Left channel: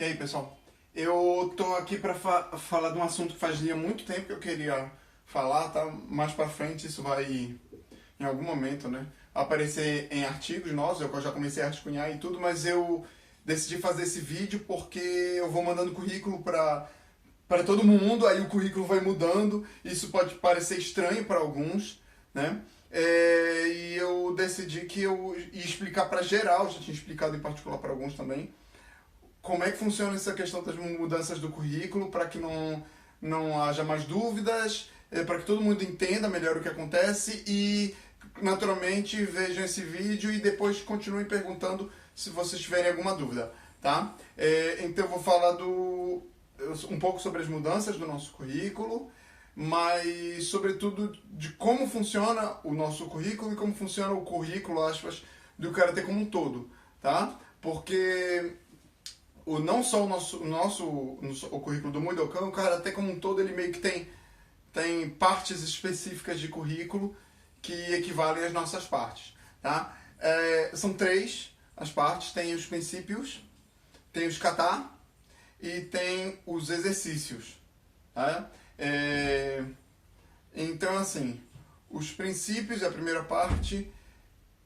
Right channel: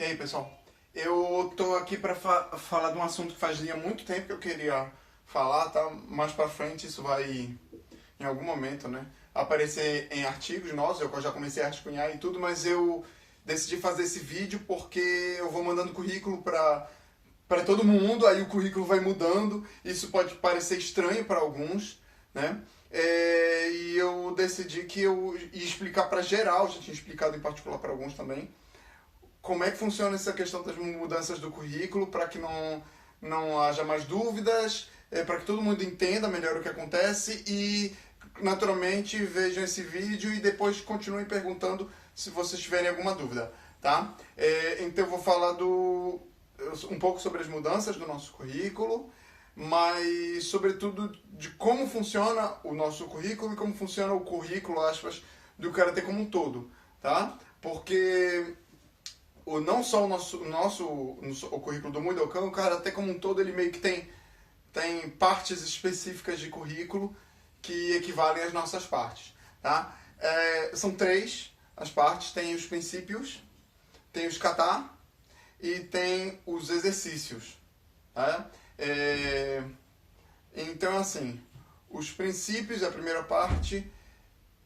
E aí, pessoal? Eu tô aqui para falar de um assunto que fazia muito tempo que eu queria falar, tá? Mais para frente isso vai, em algum momento, né, aparecer em artigos nossos. Eu já comecei a rascunhar e tudo, mas eu decidi fazer esse vídeo porque eu vou mandando currículo para todo mundo, aí o currículo vai mudando. Isso pode parecer estranho para alguns, né? E eu decidi que eu ia explicar para geral, já tinha explicado em particular para alguns também, como é que funciona essa questão das mudanças do currículo, para que não haja mais dúvidas, para que todo mundo entenda melhor o que acontece e, naturalmente, vejam esse vídeo e depois continuem perguntando se vocês tiverem alguma dúvida, tá? Então eu vou falar um pouco sobre as mudanças do nosso currículo, mas, sobretudo, de como funciona o nosso currículo e como funciona o currículo, aspas, do Karatê como um todo, tá? Porque não só o currículo do Mudokan, o Karatê como um todo, ele meio que tem partes específicas de currículo que equivalem às nossas partes, tá? São três as partes: tem os princípios, tem os kata e tem os exercícios, tá? Então, assim, os princípios, a primeira parte,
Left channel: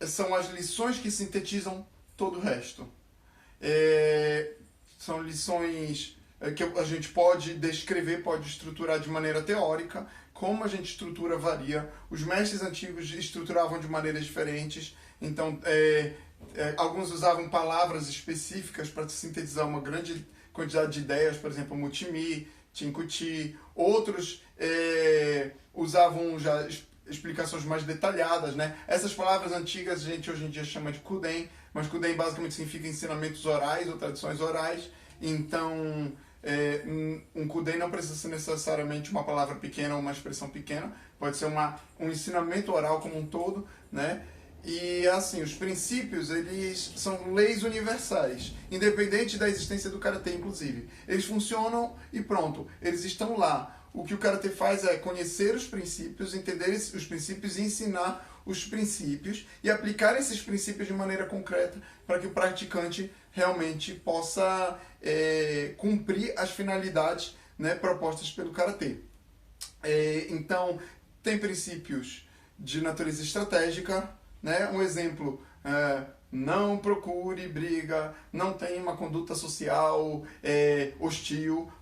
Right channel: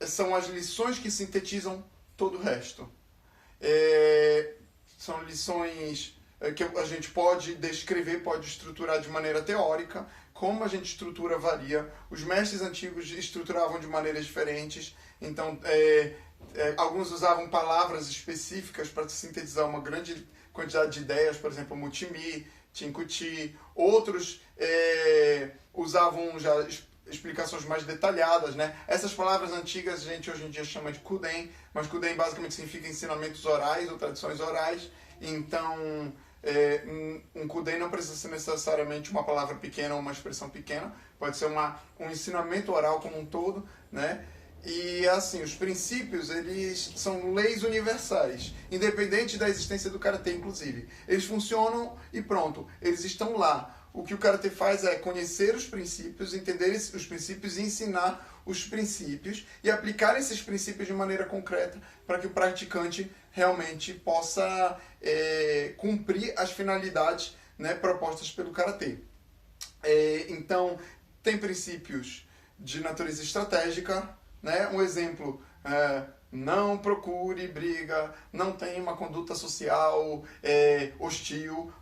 são as lições que sintetizam todo o resto. São lições que a gente pode descrever, pode estruturar de maneira teórica. Como a gente estrutura varia. Os mestres antigos estruturavam de maneiras diferentes. Então, alguns usavam palavras específicas para sintetizar uma grande quantidade de ideias, por exemplo, Mutimi, Chinkuti. Outros usavam já explicações mais detalhadas, né? Essas palavras antigas a gente hoje em dia chama de Kuden, mas Kuden basicamente significa ensinamentos orais ou tradições orais. Então, um Kuden não precisa ser necessariamente uma palavra pequena ou uma expressão pequena, pode ser um ensinamento oral como um todo, né? E assim, os princípios, eles são leis universais, independente da existência do Karatê, inclusive. Eles funcionam e pronto, eles estão lá. O que o Karatê faz é conhecer os princípios, entender os princípios e ensinar os princípios e aplicar esses princípios de maneira concreta para que o praticante realmente possa cumprir as finalidades, né, propostas pelo Karatê. Então, tem princípios de natureza estratégica, né? Um exemplo: não procure briga, não tenha uma conduta social hostil,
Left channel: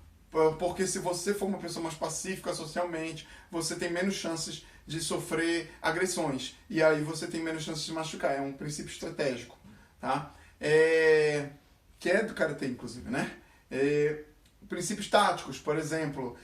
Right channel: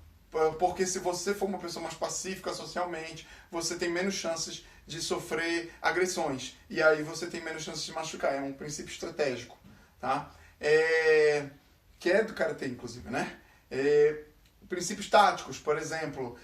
porque se você for uma pessoa mais pacífica socialmente, você tem menos chances de sofrer agressões, e aí você tem menos chances de machucar. É um princípio estratégico, tá? Que é do Karatê, inclusive, né? Princípios táticos, por exemplo,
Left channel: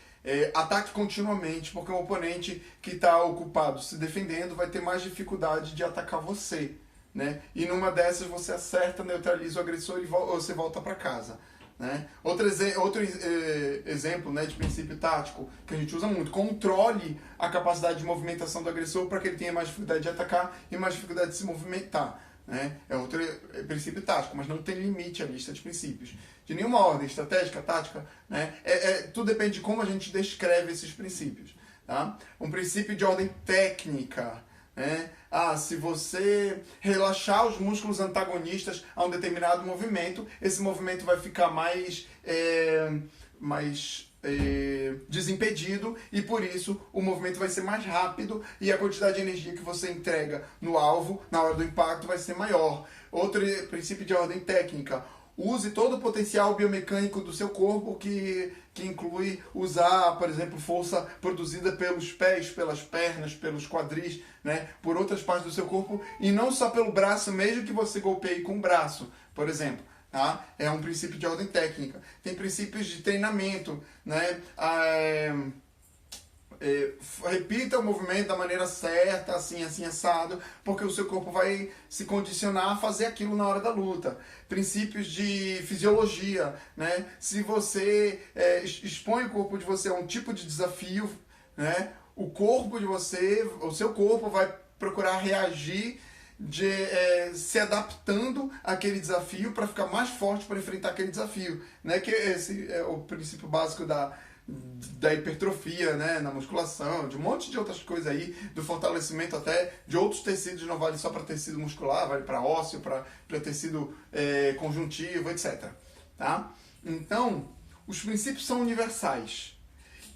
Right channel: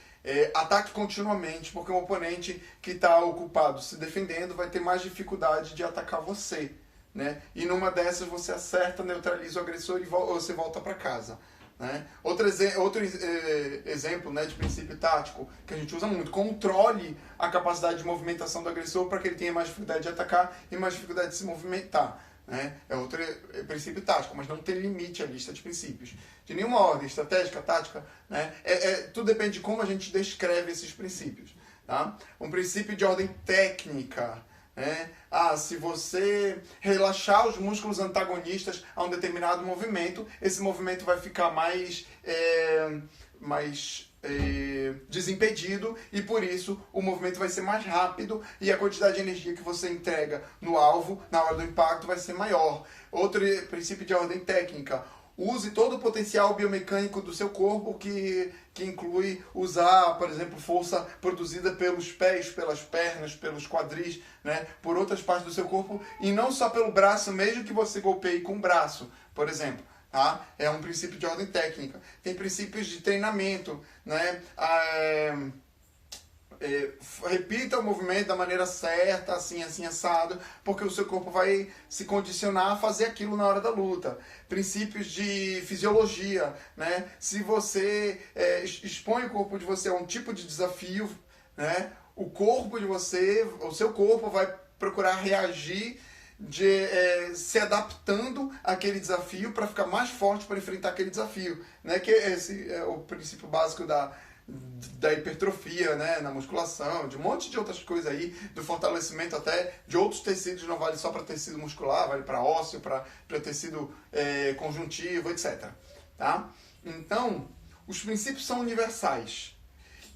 ataque continuamente, porque o oponente que está ocupado se defendendo vai ter mais dificuldade de atacar você, né? E numa dessas você acerta, neutraliza o agressor e você volta para casa, né? Outro exemplo, né, de princípio tático que a gente usa muito: controle a capacidade de movimentação do agressor para que ele tenha mais dificuldade de atacar e mais dificuldade de se movimentar, né? É outro princípio tático, mas não tem limite a lista de princípios de nenhuma ordem estratégica, tática, né? Tudo depende de como a gente descreve esses princípios, tá? Um princípio de ordem técnica, né? Se você relaxar os músculos antagonistas a um determinado movimento, esse movimento vai ficar mais desimpedido e, por isso, o movimento vai ser mais rápido e a quantidade de energia que você entrega no alvo, na hora do impacto, vai ser maior. Outro princípio de ordem técnica: use todo o potencial biomecânico do seu corpo, que inclui usar, por exemplo, força produzida pelos pés, pelas pernas, pelos quadris, né, por outras partes do seu corpo, e não só pelo braço, mesmo que você golpeie com o braço, por exemplo. Tá? É um princípio de ordem técnica. Tem princípios de treinamento, né? Repita o movimento da maneira certa, assim, assim, assado, porque o seu corpo vai se condicionar a fazer aquilo na hora da luta. Princípios de fisiologia, né? Se você expõe o corpo de você a um tipo de desafio, né, o seu corpo vai procurar reagir se adaptando àquele desafio para ficar mais forte para enfrentar aquele desafio, né? Que esse é o princípio básico da hipertrofia, né, na musculação, de um monte de outras coisas aí, do fortalecimento até de outros tecidos. Não vale só para tecido muscular, vale para ósseo, para tecido conjuntivo, etc. Tá? Então, os princípios são universais.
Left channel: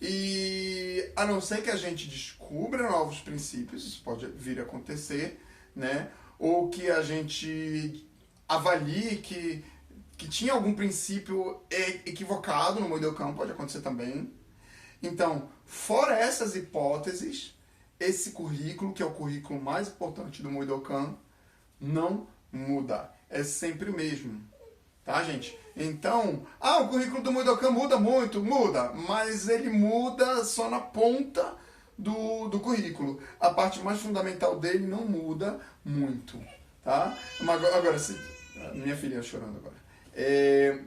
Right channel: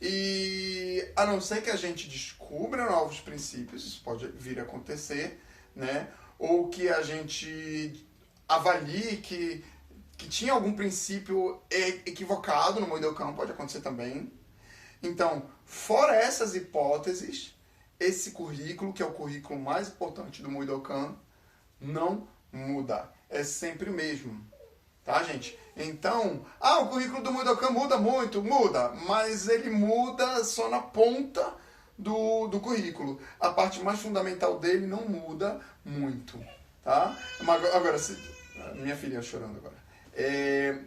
E a não ser que a gente descubra novos princípios, isso pode vir a acontecer, né? Ou que a gente avalie que tinha algum princípio equivocado no Moidokan, pode acontecer também. Então, fora essas hipóteses, esse currículo, que é o currículo mais importante do Moidokan, não muda. É sempre o mesmo. Tá, gente? Então, o currículo do Moidokan muda muito, muda, mas ele muda só na ponta do currículo. A parte mais fundamental dele não muda muito, tá? Agora, minha filha chorando agora.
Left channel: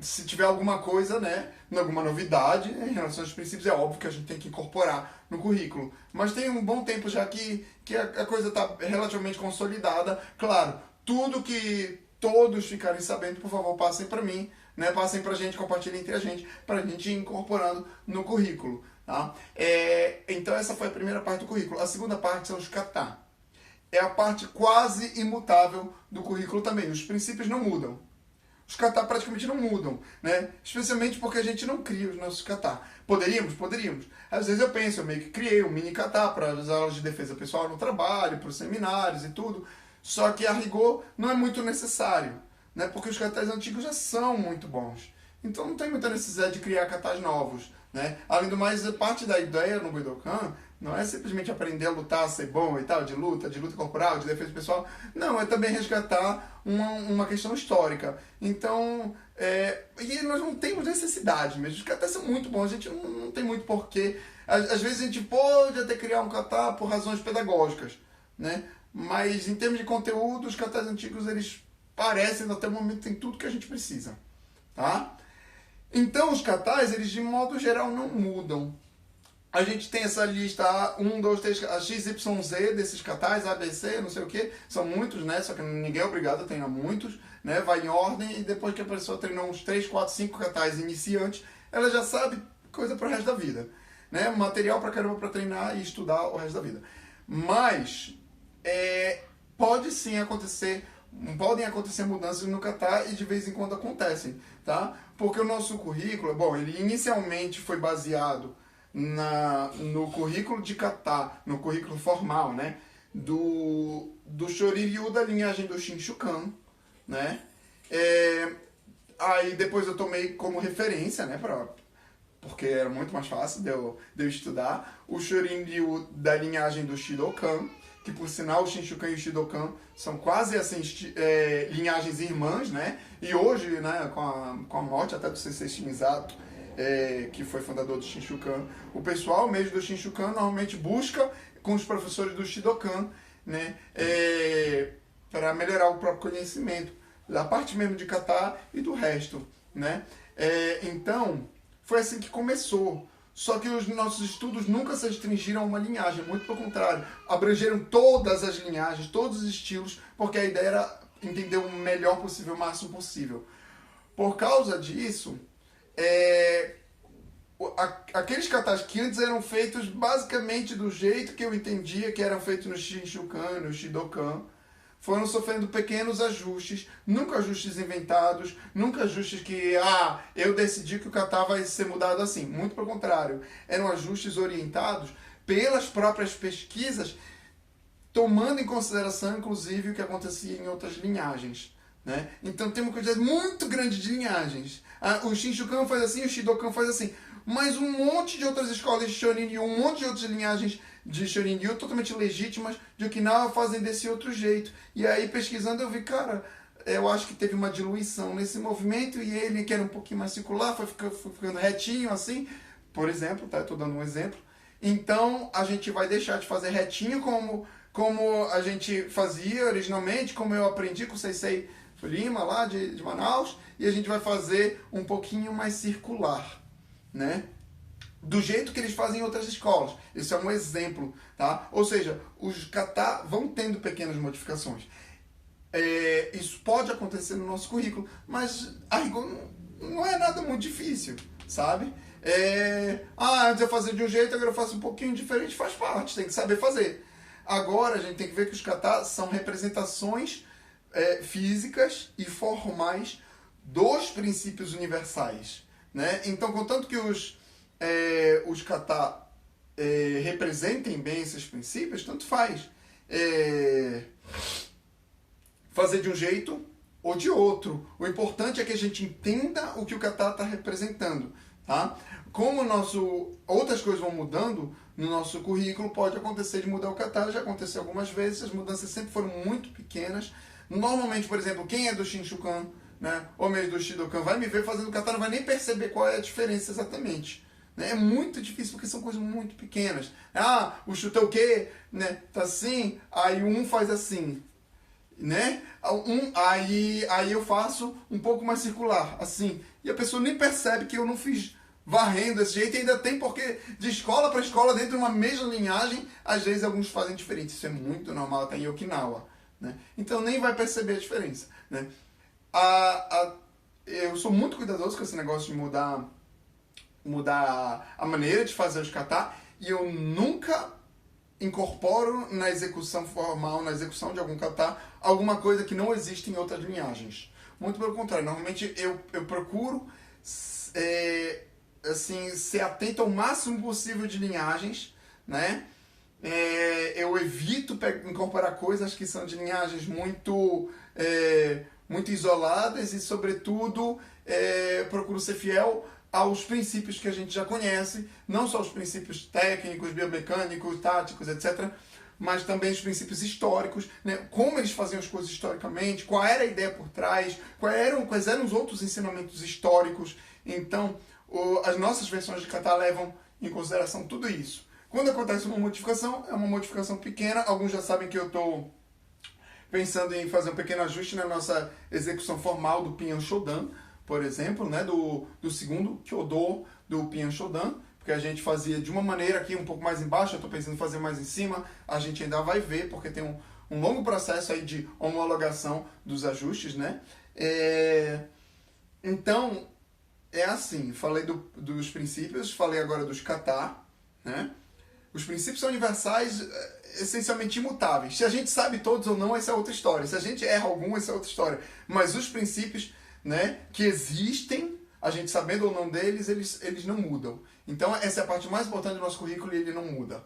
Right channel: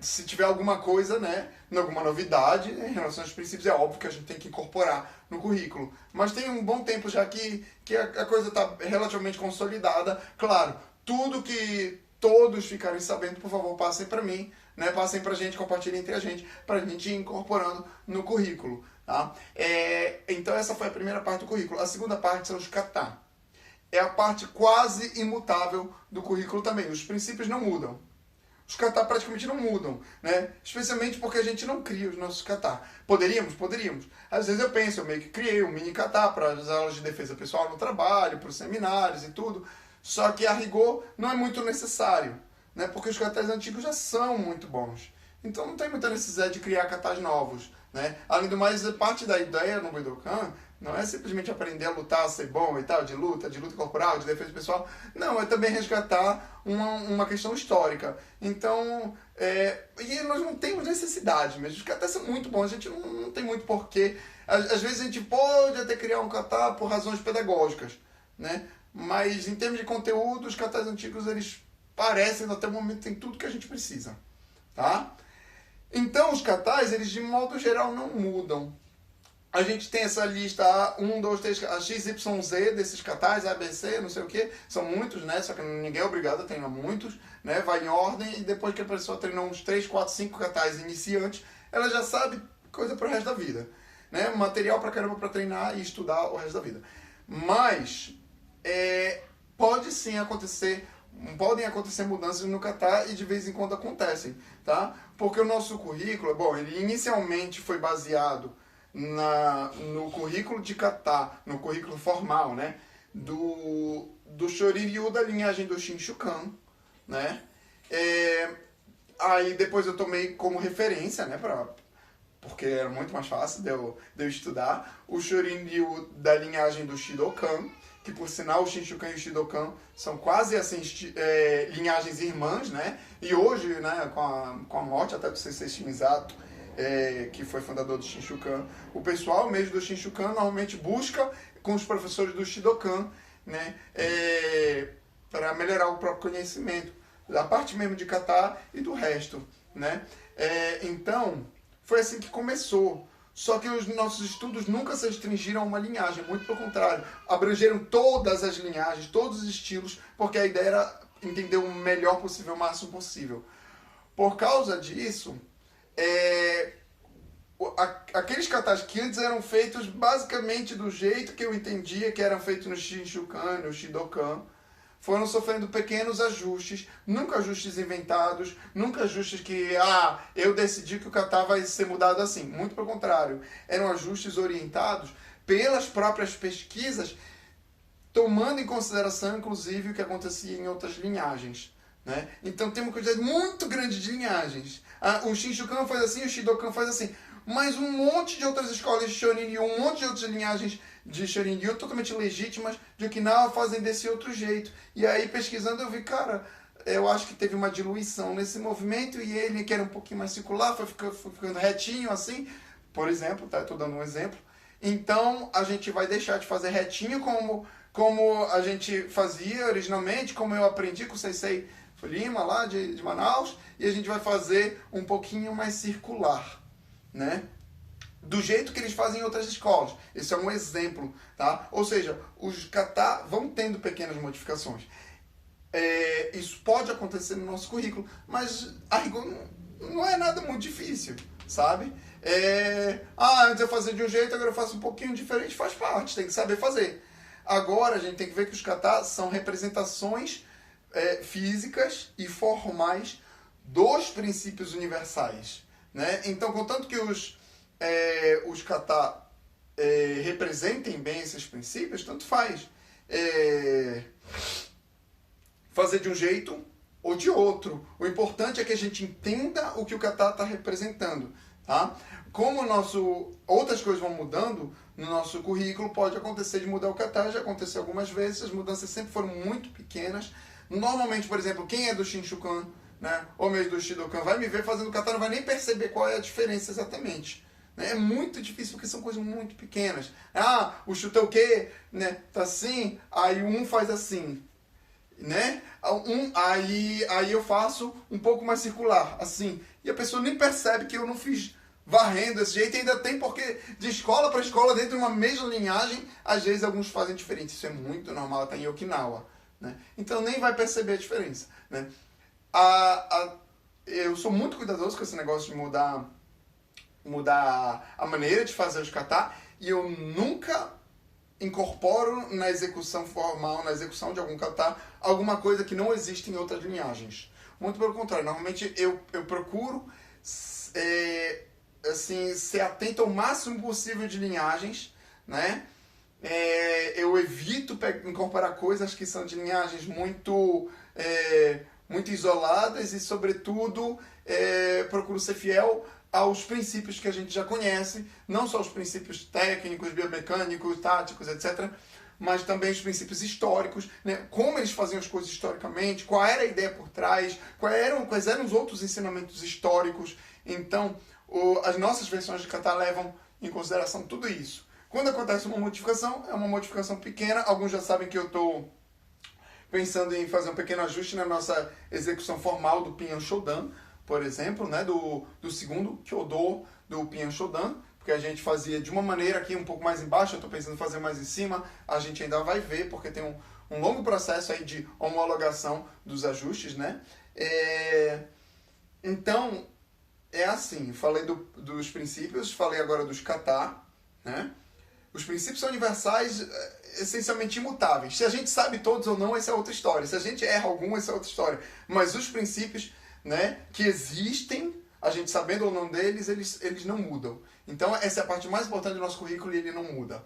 Se tiver alguma coisa, né, alguma novidade em relação aos princípios, é óbvio que a gente tem que incorporar no currículo. Mas tem um bom tempo já que a coisa está relativamente consolidada. Claro, tudo que todos ficarem sabendo, por favor, passem para mim, né? Passem para a gente, compartilhem entre a gente, para a gente ir incorporando no currículo. Tá? Então essa foi a primeira parte do currículo. A segunda parte são os kata. É a parte quase imutável do currículo também. Os princípios não mudam. Os kata praticamente não mudam, né? Especialmente porque a gente não cria os nossos kata. Poderíamos? Poderíamos. Às vezes eu penso, eu meio que criei um mini kata para as aulas de defesa pessoal no trabalho, para os seminários e tudo. Só que a rigor não é muito necessário, né? Porque os katas antigos já são muito bons. Então não tem muita necessidade de criar katas novos, né? Além do mais, parte da ideia no Moidokan não é simplesmente aprender a lutar, a ser bom e tal, de luta corporal, de defesa pessoal. Não, é também resgatar uma questão histórica. Então, e nós não temos necessidade mesmo. Os katas são muito bons, a gente não tem muito porquê. Às vezes a gente pode até criar um kata por razões pedagógicas, né? Mas em termos de conteúdo, os katas antigos, eles parecem, até o momento, tem tudo que a gente precisa. Tá? Então, os katas, eles de modo geral não mudam. A gente tem essa lista 1, 2, 3, a XYZ desses katas, ABC, não sei o que, são muitos, né? Só que ninguém é obrigado a treinar muitos, né? Vai em ordem e depois que a pessoa treinou uns 3, 4, 5 katas iniciantes, ela já sabe coisa pro resto da vida, né? Material pra caramba pra treinar e estudar o resto da vida. Mas pode sim acontecer, podem acontecer mudanças no kata e de vez em quando acontecem, tá? Porque o nosso currículo, bom, ele inicialmente foi baseado no currículo de kata, no currículo formal, né? Do Shorin-ryu da linhagem do Shinshukan, né? Aí depois eu tomei como referência, né? Porque era muito mais fácil de eu estudar o Shorin-ryu da linhagem do Shidokan, que por sinal o Shinshukan e o Shidokan são quase assim linhagens irmãs, né? E hoje, né, com a morte até do Sensei Shimisato, que foi fundador do Shinshukan, o pessoal mesmo do Shinshukan normalmente busca com os professores do Shidokan, né, para melhorar o próprio conhecimento, da parte mesmo de kata e do resto, né? Então, foi assim que começou. Só que os nossos estudos nunca se restringiram a uma linhagem, muito pelo contrário. Abrangeram todas as linhagens, todos os estilos, porque a ideia era entender o melhor possível, o máximo possível. Por causa disso, aqueles katas que antes eram feitos basicamente do jeito que eu entendia que eram feitos no Shinshukan, no Shidokan, foram sofrendo pequenos ajustes, nunca ajustes inventados, nunca ajustes que, eu decidi que o kata vai ser mudado assim. Muito pelo contrário, eram ajustes orientados pelas próprias pesquisas, tomando em consideração, inclusive, o que acontecia em outras linhagens, né? Então tem uma quantidade muito grande de linhagens. O Shinshukan faz assim, o Shidokan faz assim. Mas um monte de outras escolas de Shorin-ryu, um monte de outras linhagens de Shorin-ryu totalmente legítimas de Okinawa fazem desse outro jeito. E aí, pesquisando, eu vi, cara, eu acho que teve uma diluição nesse movimento e ele, que era um pouquinho mais circular, foi ficando retinho assim, por exemplo, tá? Estou dando um exemplo. Então, a gente vai deixar de fazer retinho como a gente fazia originalmente, como eu aprendi com o Sensei Lima, lá de Manaus, e a gente vai fazer um pouquinho mais circular, né? Do jeito que eles fazem em outras escolas. Esse é um exemplo, tá? Ou seja, os kata vão tendo pequenas modificações. Isso pode acontecer no nosso currículo, mas a rigor não é nada muito difícil, sabe? Antes eu fazia de um jeito, agora eu faço um pouquinho diferente, faz parte, tem que saber fazer. Agora a gente tem que ver que os kata são representações físicas e formais dos princípios universais, né? Então, contanto que os kata representem bem esses princípios, tanto faz fazer de um jeito ou de outro. O importante é que a gente entenda o que o kata está representando, tá? Como outras coisas vão mudando no nosso currículo, pode acontecer de mudar o kata, já aconteceu algumas vezes, as mudanças sempre foram muito pequenas. Normalmente, por exemplo, quem é do Shinshukan, né, ou mesmo do Shidokan, vai me ver fazendo kata, não vai nem perceber qual é a diferença exatamente. É muito difícil porque são coisas muito pequenas. Ah, o Shutoke, né, tá assim, aí um faz assim, né? Aí eu faço um pouco mais circular, assim. E a pessoa nem percebe que eu não fiz varrendo desse jeito. E ainda tem porque de escola para escola, dentro de uma mesma linhagem, às vezes alguns fazem diferente. Isso é muito normal, até em Okinawa, né? Então nem vai perceber a diferença, né? Eu sou muito cuidadoso com esse negócio de mudar a maneira de fazer os kata, e eu nunca incorporo na execução formal, na execução de algum kata, alguma coisa que não existe em outras linhagens. Muito pelo contrário, normalmente eu procuro assim, ser atento ao máximo possível de linhagens, né? Eu evito incorporar coisas que são de linhagens muito isoladas e, sobretudo, procuro ser fiel aos princípios que a gente já conhece, não só os princípios técnicos, biomecânicos, táticos, etc., mas também os princípios históricos, né? Como eles faziam as coisas historicamente, qual era a ideia por trás, quais eram os outros ensinamentos históricos. Então, as nossas versões de kata levam em consideração tudo isso. Quando acontece uma modificação, é uma modificação pequena. Alguns já sabem que eu estou pensando em fazer um pequeno ajuste na nossa execução formal do Pinyan Shodan, por exemplo, né, do segundo Kyodo do Pinyan Shodan, porque a gente fazia de uma maneira aqui um pouco mais embaixo, eu estou pensando em fazer mais em cima, a gente ainda vai ver, porque tem um longo processo aí de homologação dos ajustes, né? Então, é assim, falei dos princípios, falei agora dos kata, né? Os princípios são universais, essencialmente imutáveis. Se a gente sabe todos ou não, essa é outra história. Se a gente erra algum, essa é outra história. Mas os princípios, né, que existem, a gente sabendo ou não deles, eles não mudam. Então, essa é a parte mais importante do nosso currículo e ele não muda.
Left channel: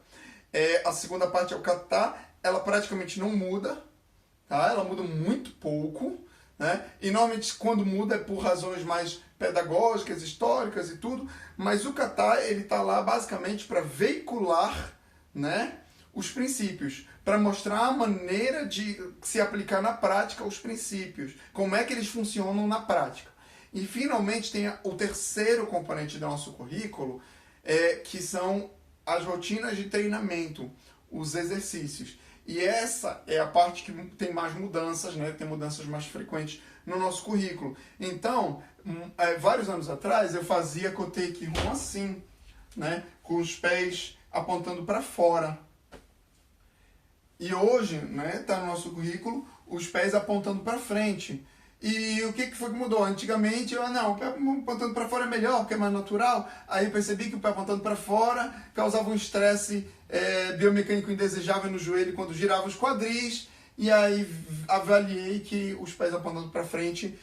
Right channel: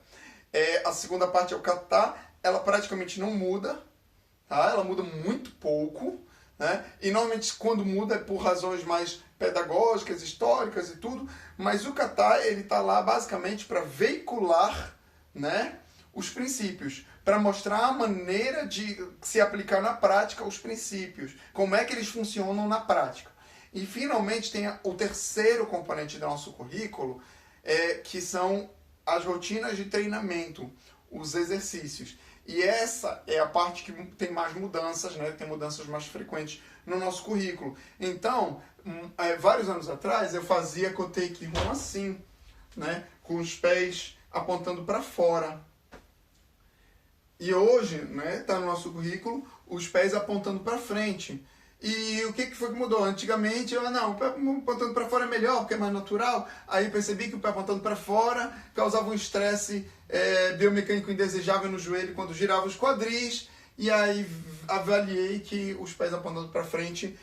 A segunda parte é o kata, ela praticamente não muda, tá? Ela muda muito pouco, né? E normalmente quando muda é por razões mais pedagógicas, históricas e tudo, mas o kata ele está lá basicamente para veicular, né, os princípios, para mostrar a maneira de se aplicar na prática os princípios, como é que eles funcionam na prática. E finalmente tem o terceiro componente do nosso currículo, que são as rotinas de treinamento, os exercícios. E essa é a parte que tem mais mudanças, né? Tem mudanças mais frequentes no nosso currículo. Então, vários anos atrás, eu fazia Kotei Kihon assim, né? Com os pés apontando para fora. E hoje, né, tá no nosso currículo, os pés apontando para frente. E o que foi que mudou? Antigamente, o pé apontando para fora é melhor, porque é mais natural. Aí eu percebi que o pé apontando para fora causava um estresse biomecânico indesejável no joelho quando girava os quadris. E aí avaliei que os pés apontando para frente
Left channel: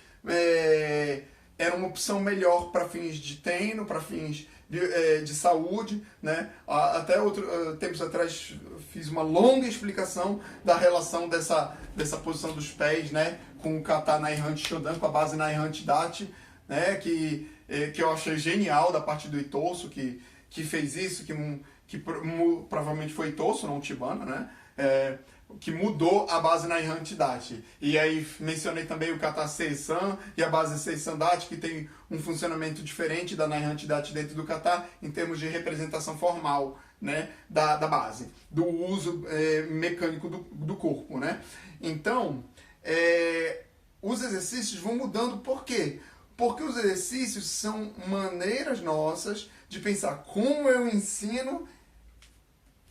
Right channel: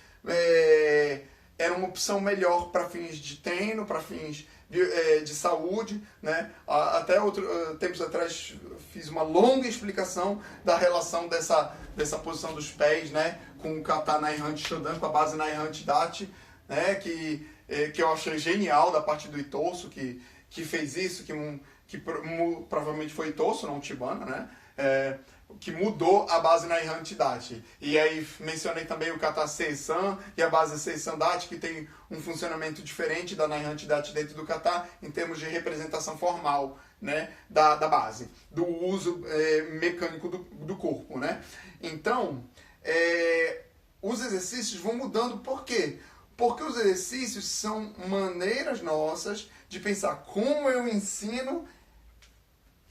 era uma opção melhor para fins de treino, para fins de saúde, né? Até tempos atrás fiz uma longa explicação da relação dessa posição dos pés, né, com o kata Naihanchi Shodan, com a base Naihanchi Dachi, né, que eu achei genial da parte do Itosu, que fez isso, que provavelmente foi Itosu, não Chibana, né, que mudou a base Naihanchi Dachi. E aí mencionei também o kata Seisan e a base Seisan Dachi, que tem um funcionamento diferente da Naihanchi Dachi dentro do kata em termos de representação formal, né, da base, do uso mecânico do corpo, né? Então, os exercícios vão mudando. Por quê? Porque os exercícios são maneiras nossas de pensar como eu ensino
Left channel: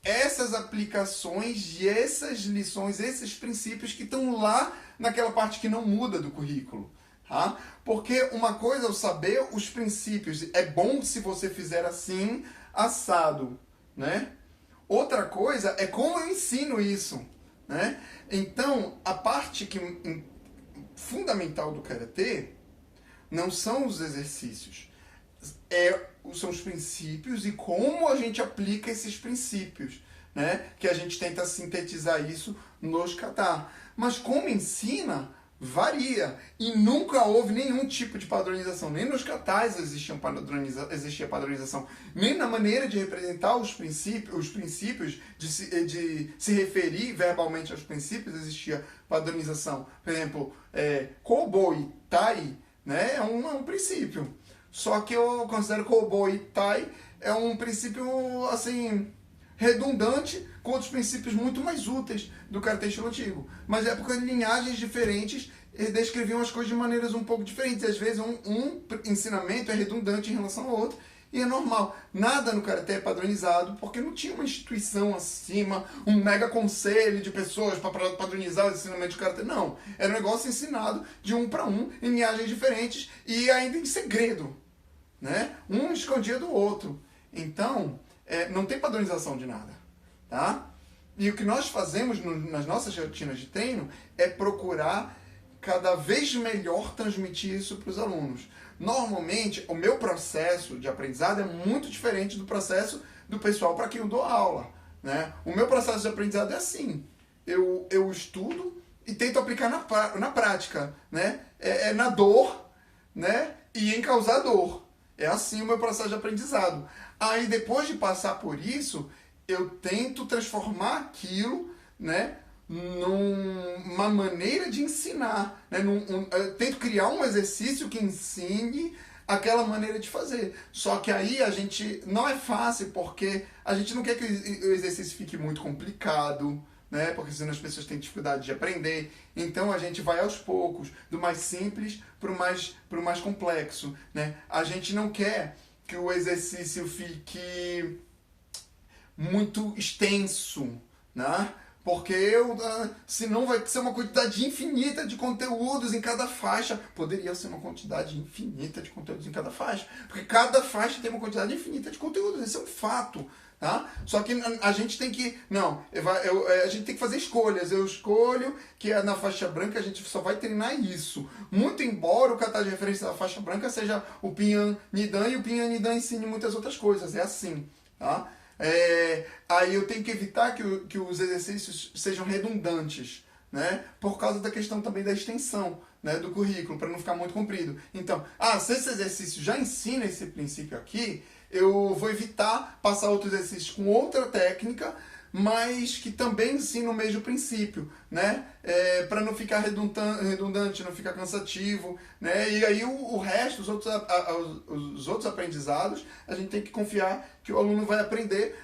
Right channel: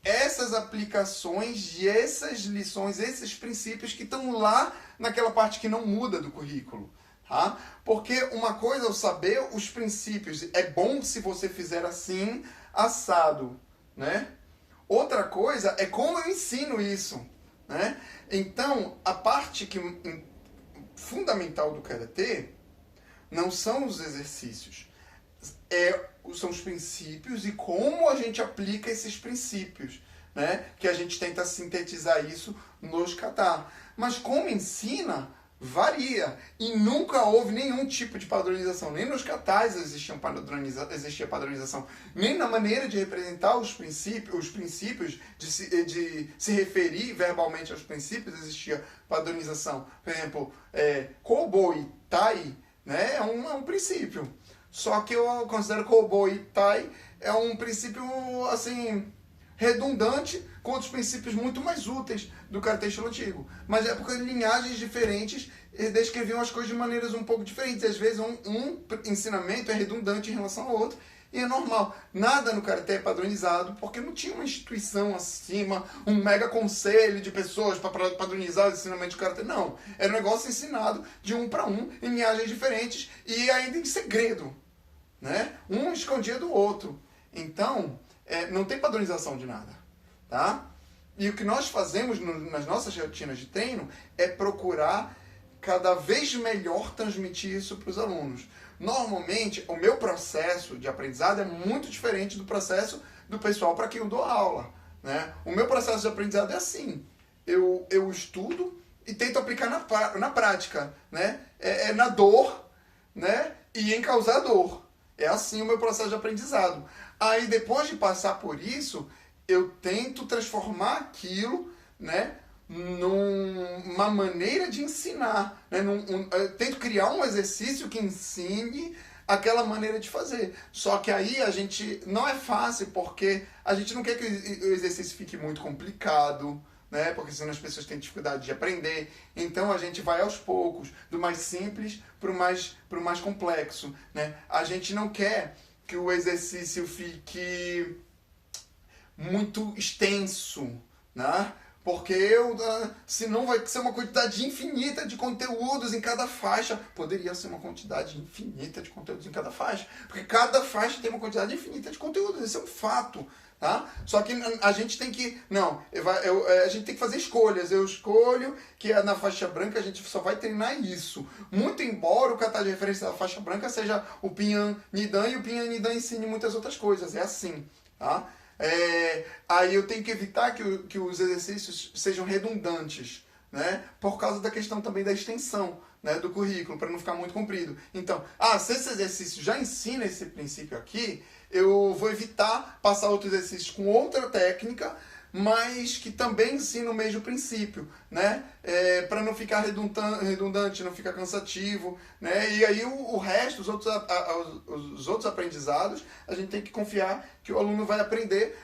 essas aplicações e essas lições, esses princípios que estão lá naquela parte que não muda do currículo. Tá? Porque uma coisa é eu saber os princípios, é bom se você fizer assim, assado, né? Outra coisa é como eu ensino isso, né? Então, a parte fundamental do Karatê não são os exercícios. São os princípios e como a gente aplica esses princípios, né? Que a gente tenta sintetizar isso nos kata. Mas como ensina, varia. E nunca houve nenhum tipo de padronização. Nem nos katas existia padronização. Nem na maneira de representar os princípios de se referir verbalmente aos princípios existia padronização. Por exemplo, kobo e tai, né? É um princípio. Só que eu considero kobo e tai é um princípio, assim, redundante com outros princípios muito mais úteis do karatê estilo antigo. Mas é porque linhagens diferentes descreviam as coisas de maneiras um pouco diferentes. E às vezes um ensinamento é redundante em relação ao outro e é normal. Nada no karatê é padronizado porque não tinha uma instituição acima, um mega conselho de pessoas para padronizar o ensinamento do karatê. Não. Era um negócio ensinado de um para um em linhagens diferentes e ainda em segredo, né? Um escondia do outro. Então, não tem padronização de nada, tá? E o que nós fazemos nas nossas rotinas de treino é procurar cada vez melhor transmitir isso para os alunos. Normalmente, o meu processo de aprendizado é muito diferente do processo do pessoal para quem eu dou aula, né? O meu processo de aprendizado é assim. Eu estudo e tento aplicar na prática, né? Na dor, né? E em causar dor. É assim o meu processo de aprendizado. Aí, depois de passar por isso, eu tento transformar aquilo, né, numa maneira de ensinar. Né, eu tento criar um exercício que ensine aquela maneira de fazer. Só que aí a gente não é fácil, porque a gente não quer que o exercício fique muito complicado, né, porque senão as pessoas têm dificuldade de aprender. Então a gente vai aos poucos, do mais simples para o mais complexo. Né? A gente não quer que o exercício fique muito extenso, né? Porque senão vai ser uma quantidade infinita de conteúdos em cada faixa. Poderia ser uma quantidade infinita de conteúdos em cada faixa, porque cada faixa tem uma quantidade infinita de conteúdos, esse é um fato. Tá? Só que a gente tem que... a gente tem que fazer escolhas. Eu escolho que na faixa branca a gente só vai treinar isso. Muito embora o kata de referência da faixa branca seja o Pinhan Nidan, e o Pinhan Nidan ensine muitas outras coisas. É assim. Tá? Aí eu tenho que evitar que os exercícios sejam redundantes, né? Por causa da questão também da extensão, né, do currículo, para não ficar muito comprido. Então, se esse exercício já ensina esse princípio aqui, eu vou evitar passar outros exercícios com outra técnica, mas que também ensina o mesmo princípio, né? Para não ficar redundante, não ficar cansativo, né? E aí o resto, os outros aprendizados, a gente tem que confiar que o aluno vai aprender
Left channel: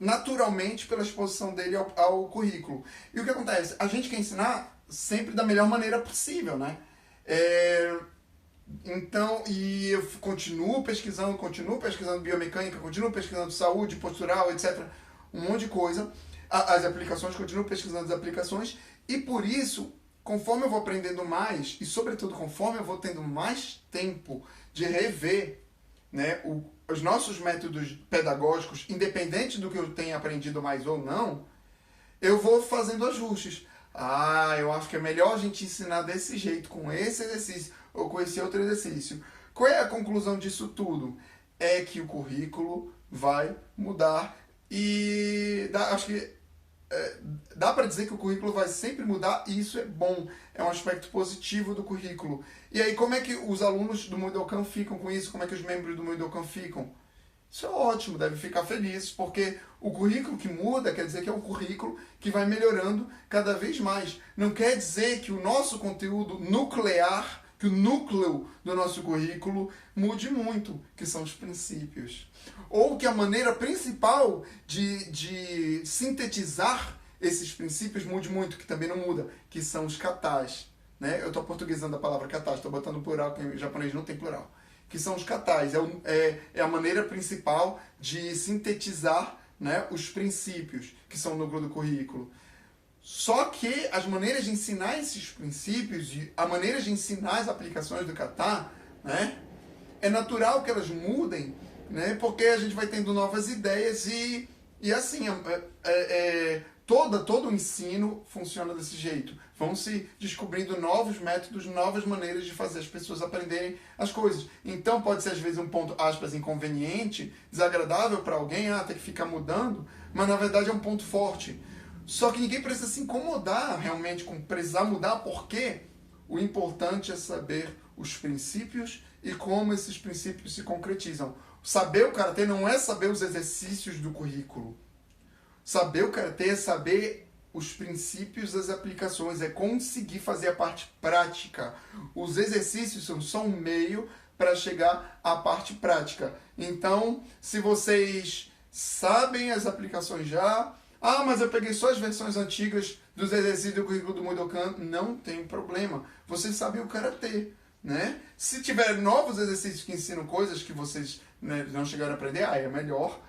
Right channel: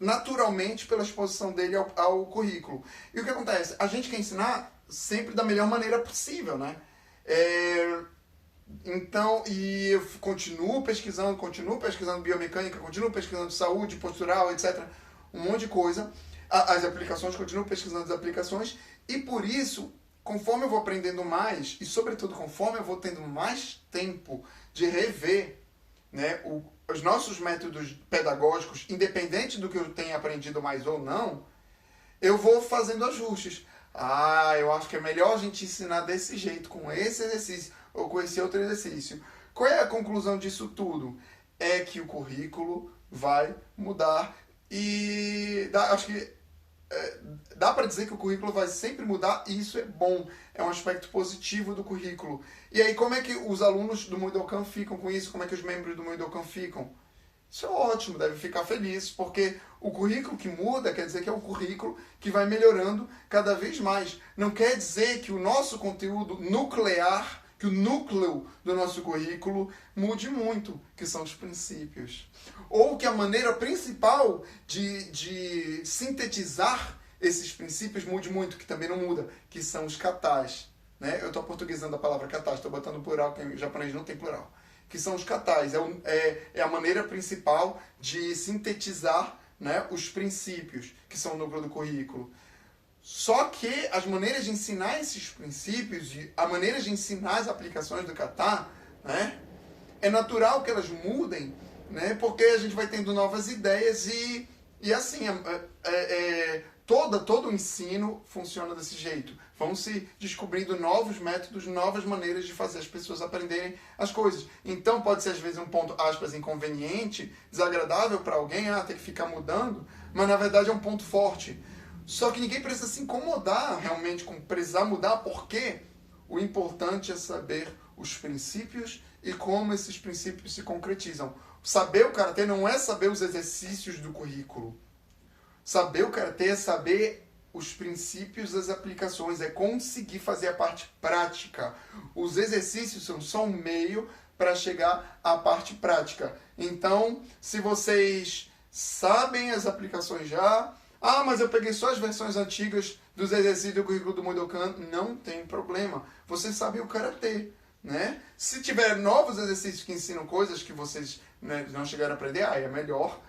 naturalmente pela exposição dele ao currículo. E o que acontece? A gente quer ensinar sempre da melhor maneira possível, né? Então, e eu continuo pesquisando biomecânica, continuo pesquisando saúde, postural, etc. Um monte de coisa. As aplicações, continuo pesquisando as aplicações. E por isso, conforme eu vou aprendendo mais, e sobretudo conforme eu vou tendo mais tempo de rever, né, os nossos métodos pedagógicos, independente do que eu tenha aprendido mais ou não, eu vou fazendo ajustes. Eu acho que é melhor a gente ensinar desse jeito, com esse exercício, ou com esse outro exercício. Qual é a conclusão disso tudo? É que o currículo vai mudar e acho que dá para dizer que o currículo vai sempre mudar e isso é bom, é um aspecto positivo do currículo. E aí como é que os alunos do Mudokan ficam com isso? Como é que os membros do Mudokan ficam? Isso é ótimo, deve ficar feliz, porque o currículo que muda quer dizer que é um currículo que vai melhorando cada vez mais. Não quer dizer que o nosso conteúdo nuclear, que o núcleo do nosso currículo mude muito, que são os princípios. Ou que a maneira principal de sintetizar esses princípios mude muito, que também não muda, que são os katas. Né? Eu estou portuguesando a palavra kata, estou botando plural, porque em japonês não tem plural. Que são os katas, é a maneira principal de sintetizar, né, os princípios, que são o núcleo do currículo. Só que as maneiras de ensinar esses princípios, e a maneira de ensinar as aplicações do kata, né, é natural que elas mudem, né, porque a gente vai tendo novas ideias e assim, todo o ensino funciona desse jeito. Vão se descobrindo novos métodos, novas maneiras de fazer as pessoas aprenderem as coisas. Então pode ser às vezes um ponto, aspas, inconveniente, desagradável para alguém, ter que ficar mudando, mas na verdade é um ponto forte. Só que ninguém precisa se incomodar realmente com precisar mudar, porque o importante é saber os princípios e como esses princípios se concretizam. Saber o karatê não é saber os exercícios do currículo. Saber o karatê é saber os princípios, as aplicações, é conseguir fazer a parte prática. Os exercícios são só um meio para chegar à parte prática. Então, se vocês sabem as aplicações já, mas eu peguei só as versões antigas dos exercícios do currículo do Mudokan, não tem problema. Vocês sabem o karatê, né? Se tiver novos exercícios que ensinam coisas que vocês, né, não chegaram a aprender, é melhor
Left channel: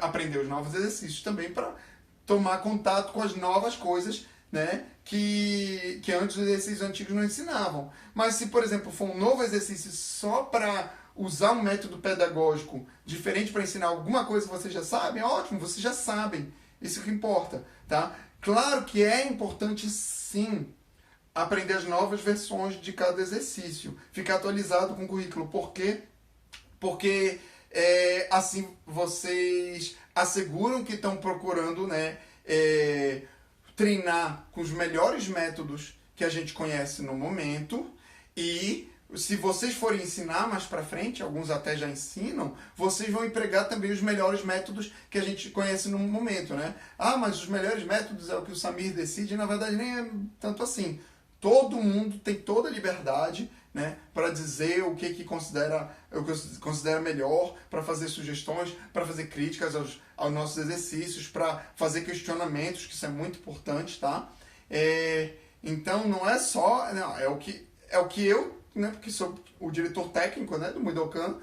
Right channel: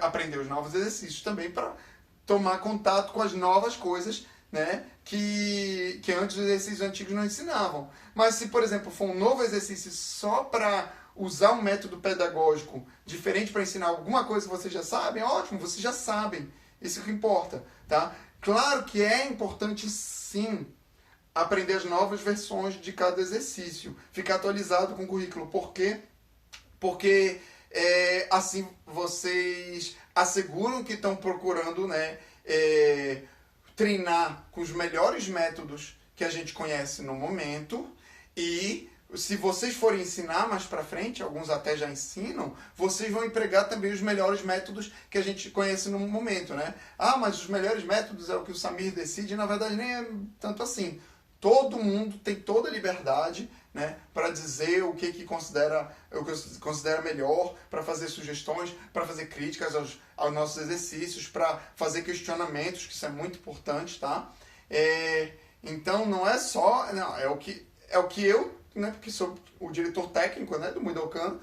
aprender os novos exercícios também para tomar contato com as novas coisas, né, que antes os exercícios antigos não ensinavam. Mas se, por exemplo, for um novo exercício só para usar um método pedagógico diferente para ensinar alguma coisa que vocês já sabem, ótimo, vocês já sabem. Isso que importa, tá? Claro que é importante, sim, aprender as novas versões de cada exercício, ficar atualizado com o currículo. Por quê? Porque assim vocês asseguram que estão procurando, né, treinar com os melhores métodos que a gente conhece no momento, e se vocês forem ensinar mais para frente, alguns até já ensinam, vocês vão empregar também os melhores métodos que a gente conhece no momento, né? Mas os melhores métodos é o que o Samir decide, na verdade nem é tanto assim. Todo mundo tem toda a liberdade, né, para dizer o que considera melhor, para fazer sugestões, para fazer críticas aos nossos exercícios, para fazer questionamentos, que isso é muito importante, tá? Então não é só, não, é o que eu, né, porque sou o diretor técnico, né, do Mudokan,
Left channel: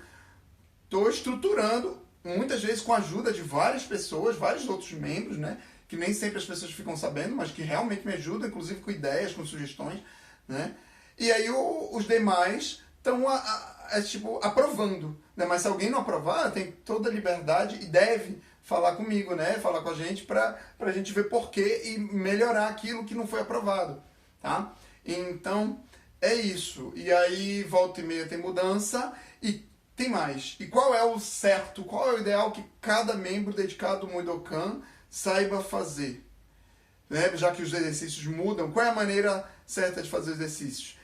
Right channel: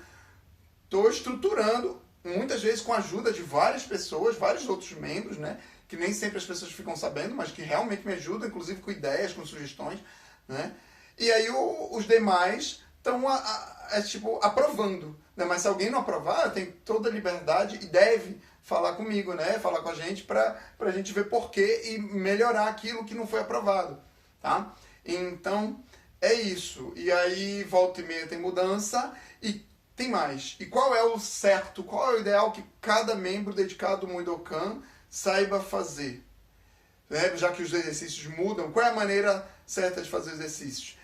estou estruturando, muitas vezes com a ajuda de várias pessoas, vários outros membros, né, que nem sempre as pessoas ficam sabendo, mas que realmente me ajudam, inclusive com ideias, com sugestões, né? E aí os demais estão tipo, aprovando, né? Mas se alguém não aprovar, tem toda a liberdade e deve falar comigo, né? Falar com a gente para a gente ver porquê e melhorar aquilo que não foi aprovado, tá? Então, é isso. E aí, volta e meia tem mudança e tem mais. E qual é o certo, qual é o ideal que cada membro dedicado ao Mudokan saiba fazer? Né? Já que os exercícios mudam, qual é a maneira certa de fazer exercícios?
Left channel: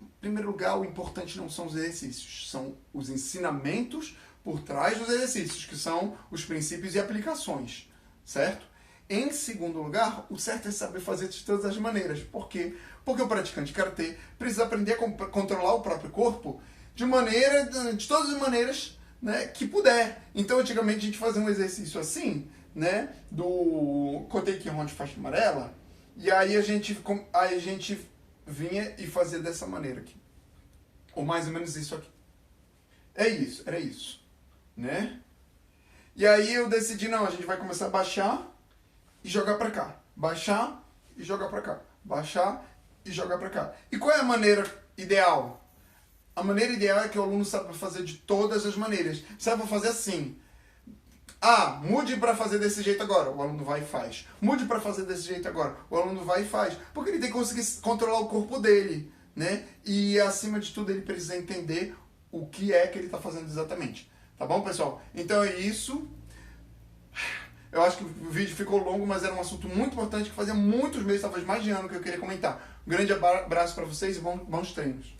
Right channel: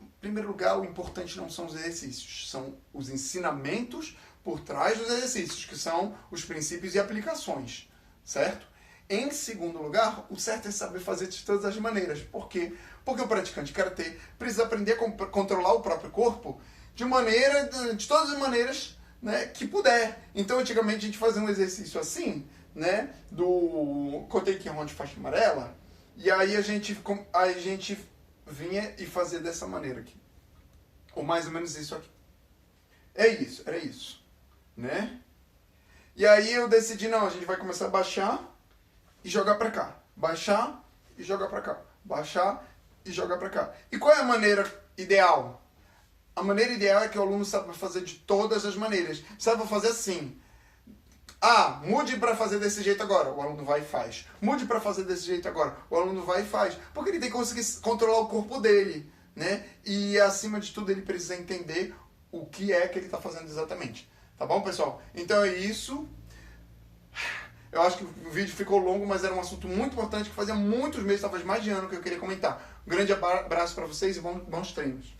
Em primeiro lugar, o importante não são os exercícios, são os ensinamentos por trás dos exercícios, que são os princípios e aplicações, certo? Em segundo lugar, o certo é saber fazer de todas as maneiras. Por quê? Porque o praticante de karatê precisa aprender a controlar o próprio corpo de todas as maneiras, né, que puder. Então, antigamente, a gente fazia um exercício assim, né, do Kotei Kihon de faixa amarela, e aí a gente vinha e fazia dessa maneira aqui. Ou mais ou menos isso aqui. Era isso, né? E aí eu decidi, não, a gente vai começar a baixar e jogar pra cá. Baixar e jogar pra cá. Baixar e jogar pra cá. E qual é a maneira ideal? A maneira ideal é que o aluno saiba fazer de todas as maneiras. Saiba fazer assim. Mude para fazer desse jeito agora. O aluno vai e faz. Mude para fazer desse jeito agora. O aluno vai e faz. Porque ele tem que conseguir controlar o corpo dele, né? E, acima de tudo, ele precisa entender o que é que ele está fazendo exatamente. Tá bom, pessoal? Então é isso. Eu acho que o vídeo ficou longo, mas era um assunto muito importante que fazia muitos meses, talvez mais de ano, que eu queria comentar. Um grande abraço para vocês e bons treinos.